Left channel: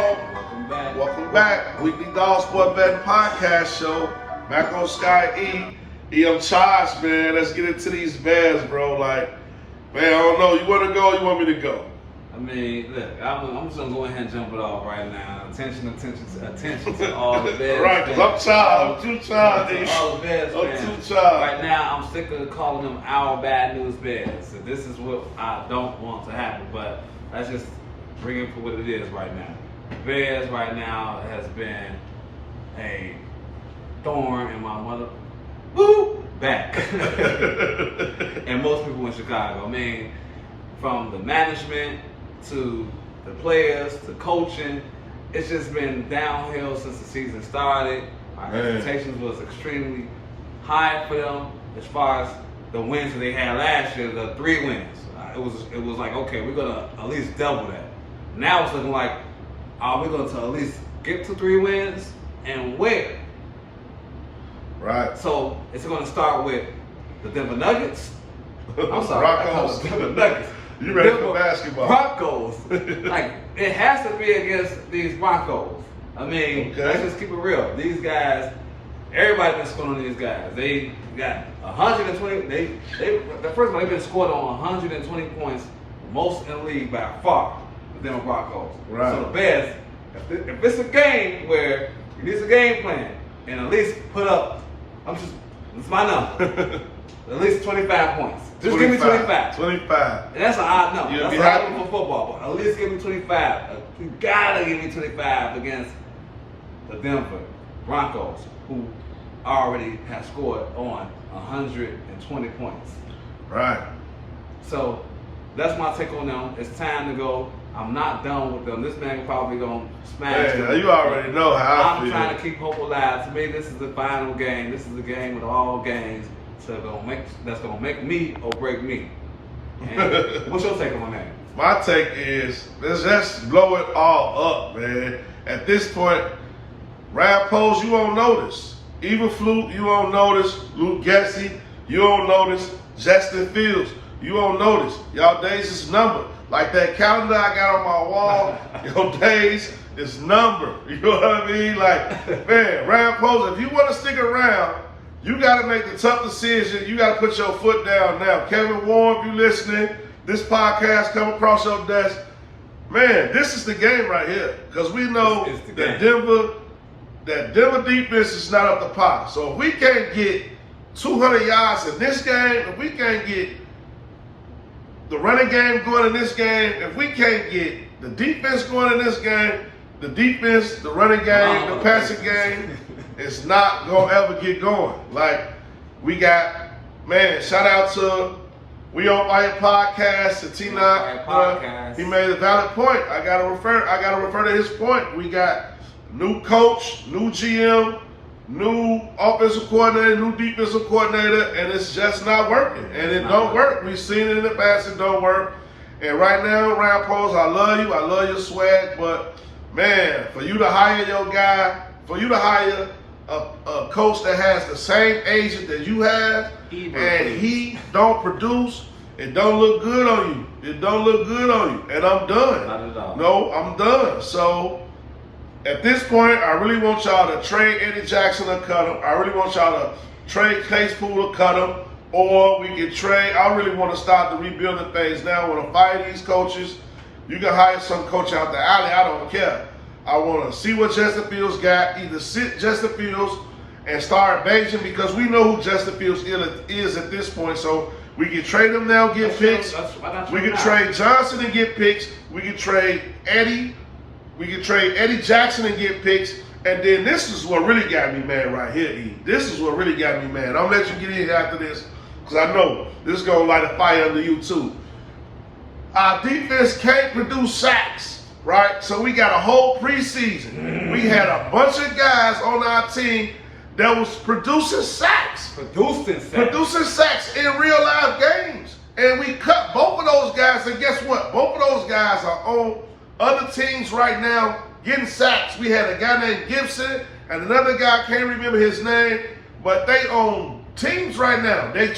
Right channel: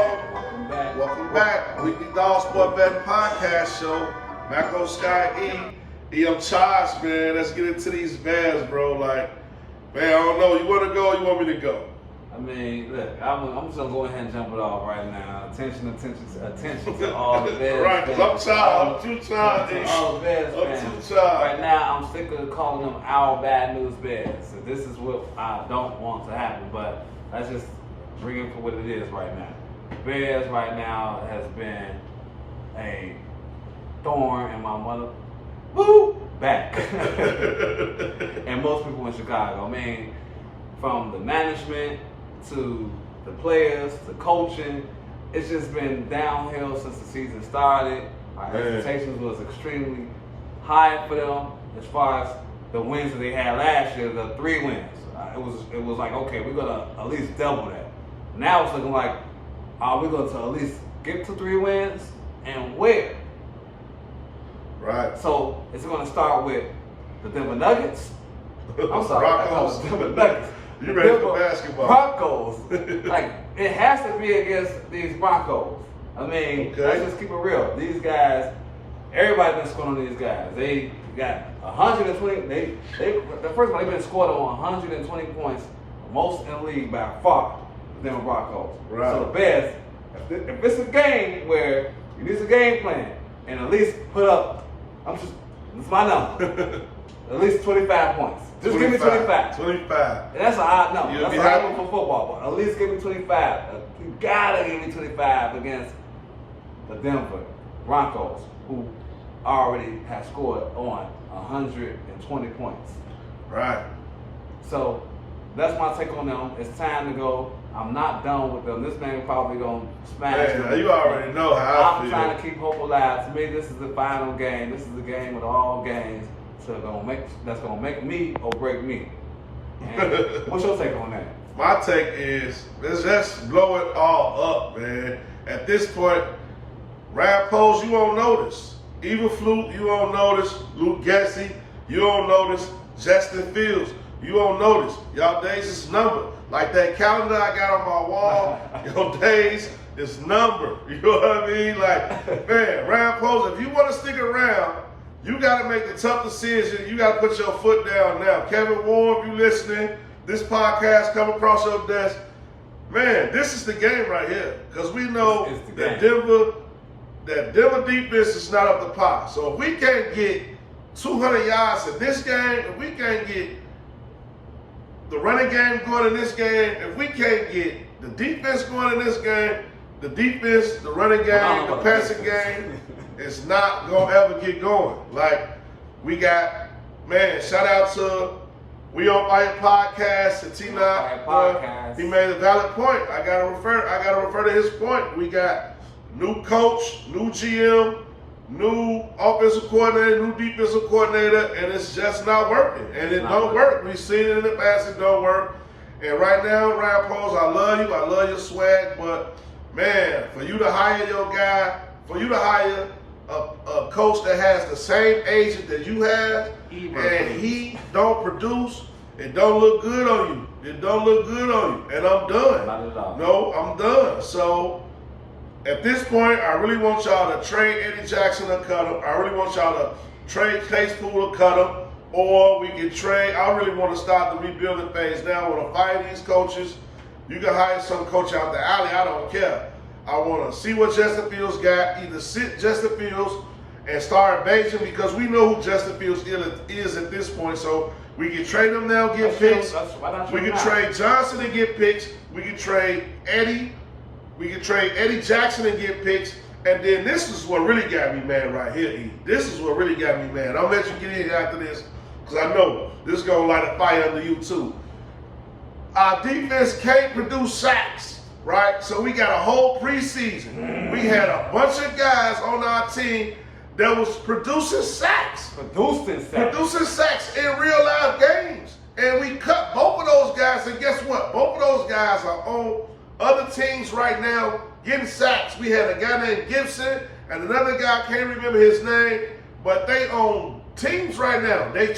Welcome back. Welcome back. Weekly Dog Sport Betting Podcast Show. M.Scott E. I'm charged, man. Let's get into these bets, bro. Like, man, I don't know. You want to go or you want me to go? I mean, look, I'm just going to go ahead and jump it off right now. Attention to all the bets. Right, because I'm charged. I'm too charged. All the bets, I'm man. too charged. Right now, I'm sticking to calling them our bad news bets. So this is what I don't want to happen, but let's just bring it for what it is right now. Bears right now has been a thorn in my back. And most people in Chicago. I mean, from the management to the players to coaching, it's just been downhill since the season started. Our expectations was extremely high for them as far as the wins that they had last year, the 3 wins. It was like, okay, we're gonna at least double that. Now it's looking like, we're going to at least get to 3 wins and where? Right. So it's going to start with the Denver Nuggets. I'm sorry, Broncos. the Denver Nuggets. You ready for basketball? Broncos. Like, it has to be against these Broncos. I mean, let's just keep it real. These guys, everybody's been scoring on these guys. They got 120. The first one, they've been scored on 120 points, most in the league by far. Denver Broncos. Right. So the Bears, if it's a game where you need a game plan and at least put up, it's my number, at least 25 points. Just 25. Give me 25. 25. And that's an odd number. You'll that's an odd number for football, but at least give me 25. You gotta give me 25 against the Denver Broncos, who already have scored on 120 points. Right. So that's my take on them. It's time to go. I'm not done with them. This man probably gonna smash them. You already know how I feel. I'm trying to keep hope alive. To me, this is the final game. This is the game of all games. So that's gonna make me or break me. And what's your take on that? My take is let's just blow it all up, man. At this point, Rappos, you won't notice. Even Flute, you won't notice. Luke Gessie, you won't notice. Justin Fields, you won't notice. Y'all days is numbered. Like that calendar I got on my wall, your days is numbered. You know what I mean? Like, man, Rappos, if you want to stick around, you got to make the tough decision. You got to put your foot down now. Kevin Warren, if you listening, this podcast come across your desk, man, this is the game right here. Because we know that Denver defense is not up to par. So if we can't get 200 yards in this game, if we can't get the running game going in this game, if we can't get the defense going in this game, the defense, the running game, the passing game is not going to ever get going. Like, we got, man, shout out to We On Fire Podcast, and Tina, he made a valid point. I gotta refer to his point. We got new coach, new GM, new offensive coordinator, new defensive coordinator, and it's just not working. And it don't work. We've seen it in the past, it don't work. And right now, Rappos, I love you, I love your swag, but man, for you to hire your guy, for you to hire a coach that has the same agent that you have, and he don't produce, it don't look good on you. It don't look good on you. And I'm done. Not at all. No, I'm done. So at this point, I really want y'all to trade Eddie Jackson or cut him. I really want y'all to trade Case Pool or cut him. Or we can trade. I really want to start the rebuilding phase now. I want to fire these coaches. You can hire some coach out the alley. I don't care. I want to see what Justin Fields got. Either sit Justin Fields and start Beijing, because we know who Justin Fields is at this point. So we can trade him now, get picks. We can trade Johnson and get picks. We can trade Eddie. We can trade Eddie Jackson and get picks. And then this is what really got me mad right here, E. This is what really got me mad. I'm going to let you get in here after this, because I know this is going to light a fire under you too. Our defense can't produce sacks, right? So we got a whole preseason. We had a bunch of guys on our team that was producing sacks. Producing sacks in real life games. And we cut both of those guys, and guess what? Both of those guys are on other teams right now getting sacks. We had a guy named Gibson and another guy, I can't remember his name, but they own teams right now. They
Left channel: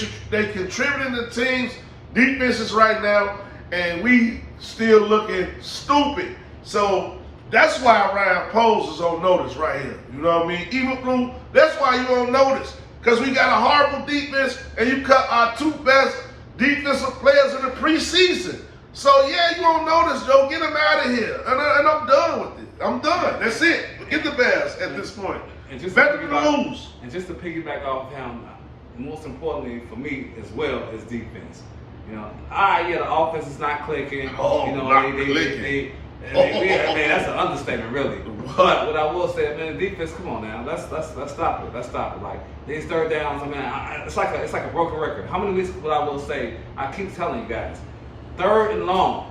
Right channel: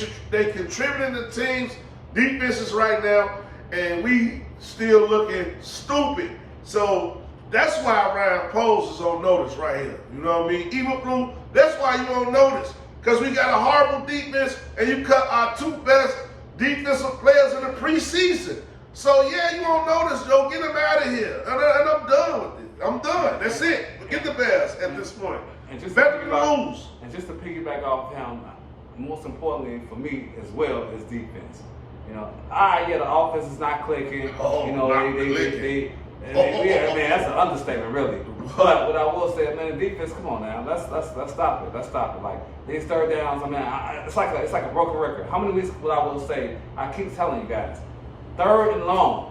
contributing to teams, defenses right now, and we still looking stupid. So That's why Ryan Poles is on notice right here. You know what I mean? Even Blue, that's why you on notice. Because we got a horrible defense and you cut our 2 best defensive players in the preseason. So yeah, you on notice, Joe. Get him out of here. And I'm done with it. I'm done. That's it. Get the Bears at this point. Better to lose. And just to piggyback off him, most importantly for me as well is defense. You know, yeah, the offense is not clicking. Oh, you know, not clicking. Man, that's an understatement, really. But what I will say, man, defense, come on now, let's stop it. Let's stop it. Like these third downs, I mean, it's like a broken record. How many weeks? What I will say, I keep telling you guys, 3rd and long.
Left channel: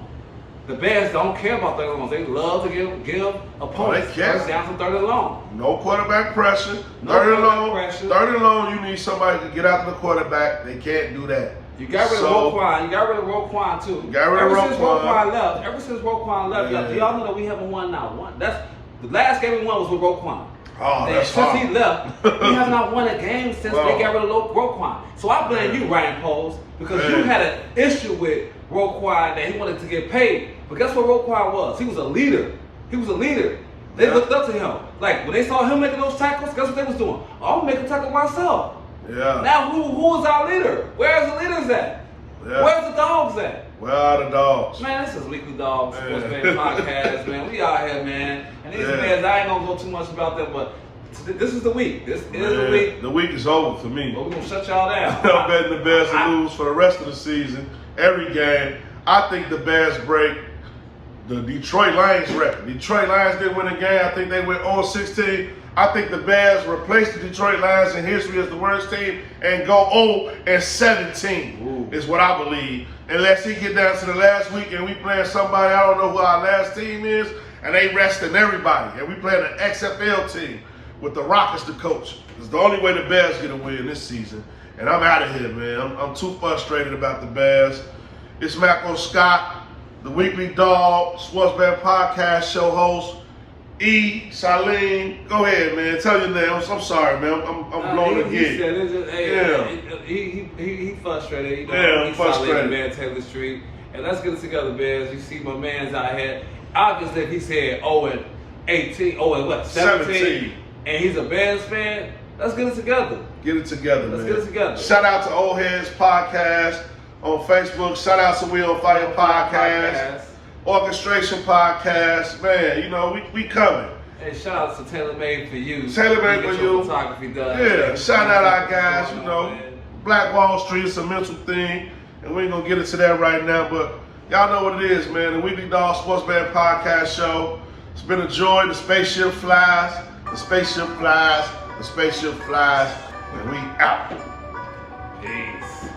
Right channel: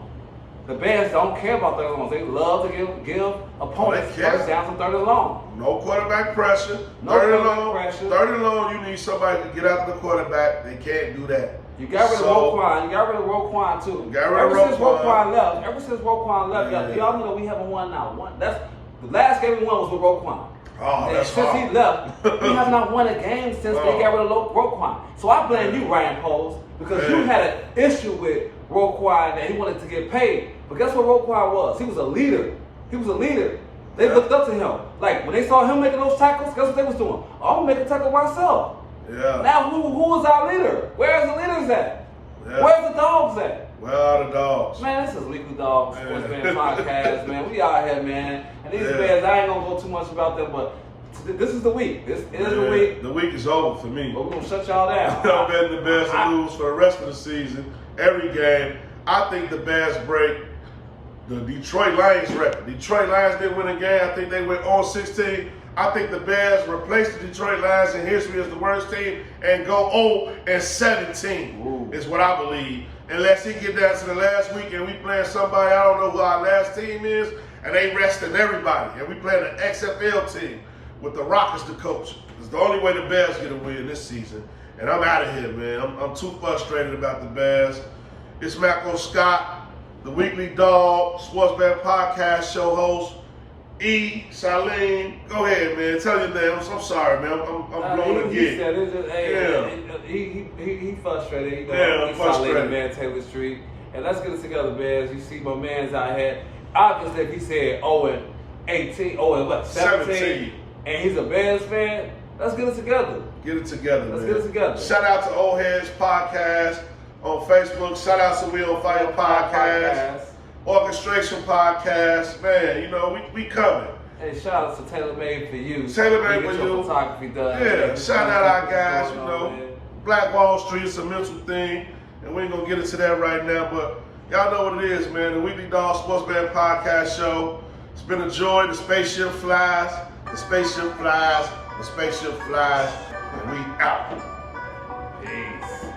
The Bears don't care about 3rd and long. They love to give opponents first down from 3rd and long. No quarterback pressure. No 3rd and long. pressure. 3rd and long, you need somebody to get after the quarterback. They can't do that. You got rid of Roquan. You got rid of Roquan too. Ever since Roquan left, y'all know that we haven't won now. That's the last game we won was with Roquan. Oh, and that's since hard. he left, we have not won a game since they got rid of Roquan. So I blame you, Ryan Poles, because you had an issue with Roquan that he wanted to get paid. But guess what Roquan was? He was a leader. He was a leader. They looked up to him. Like when they saw him making those tackles, guess what they was doing? I'm gonna make a tackle myself. Yeah. Now who is our leader? Where's the leaders at? Yeah. Where's the dogs at? Where are the dogs? Man, this is Weekly Dogs Sports Man Podcast, man. We out here, man. And these fans, I ain't gonna go too much about them, but this is the week. This is the week. The week is over for me. But we're gonna shut y'all down. I'm betting the Bears to lose for the rest of the season, every game. I think the Bears break the Detroit Lions record. Detroit Lions didn't win a game. I think they went 0-16. I think the Bears replace the Detroit Lions in history as the worst team and go 0-17 is what I believe. Unless he get down to the last week and we playing somebody, I don't know who our last team is, and they resting everybody. And we playing an XFL team with the Rockets the coach. It's the only way the Bears get a win this season. And I'm out of here, man. I'm too frustrated about the Bears. It's M.Scott, the Weekly Dog Sports Man Podcast show host. E. Salim, go ahead, man. Tell your name. I'm sorry, man. I'm blown again. He said it was just, he frustrated. You know, I'm frustrated. Salim, man, Taylor Street. And let's get it together, Bears. You see my man's out here. Obviously, if he said 0-18, 17, and he's a Bears fan, let's get it together. Get it together, man. Let's get it together. Shout out to Old Heads Podcast on Facebook. Shout out to We on Fire Podcast. Orchestration Podcast, man, you know, we coming. Hey, shout out to Taylor Made for You. Taylor Made for You. Photography done. Yeah, shout out our guys, you know. Black Wall Street is a mental thing, and we ain't gonna get into that right now, but y'all know what it is, man. The Weekly Dog Sports Man Podcast show. It's been a joy. The spaceship flies. The spaceship flies. The spaceship flies. And we out. Peace.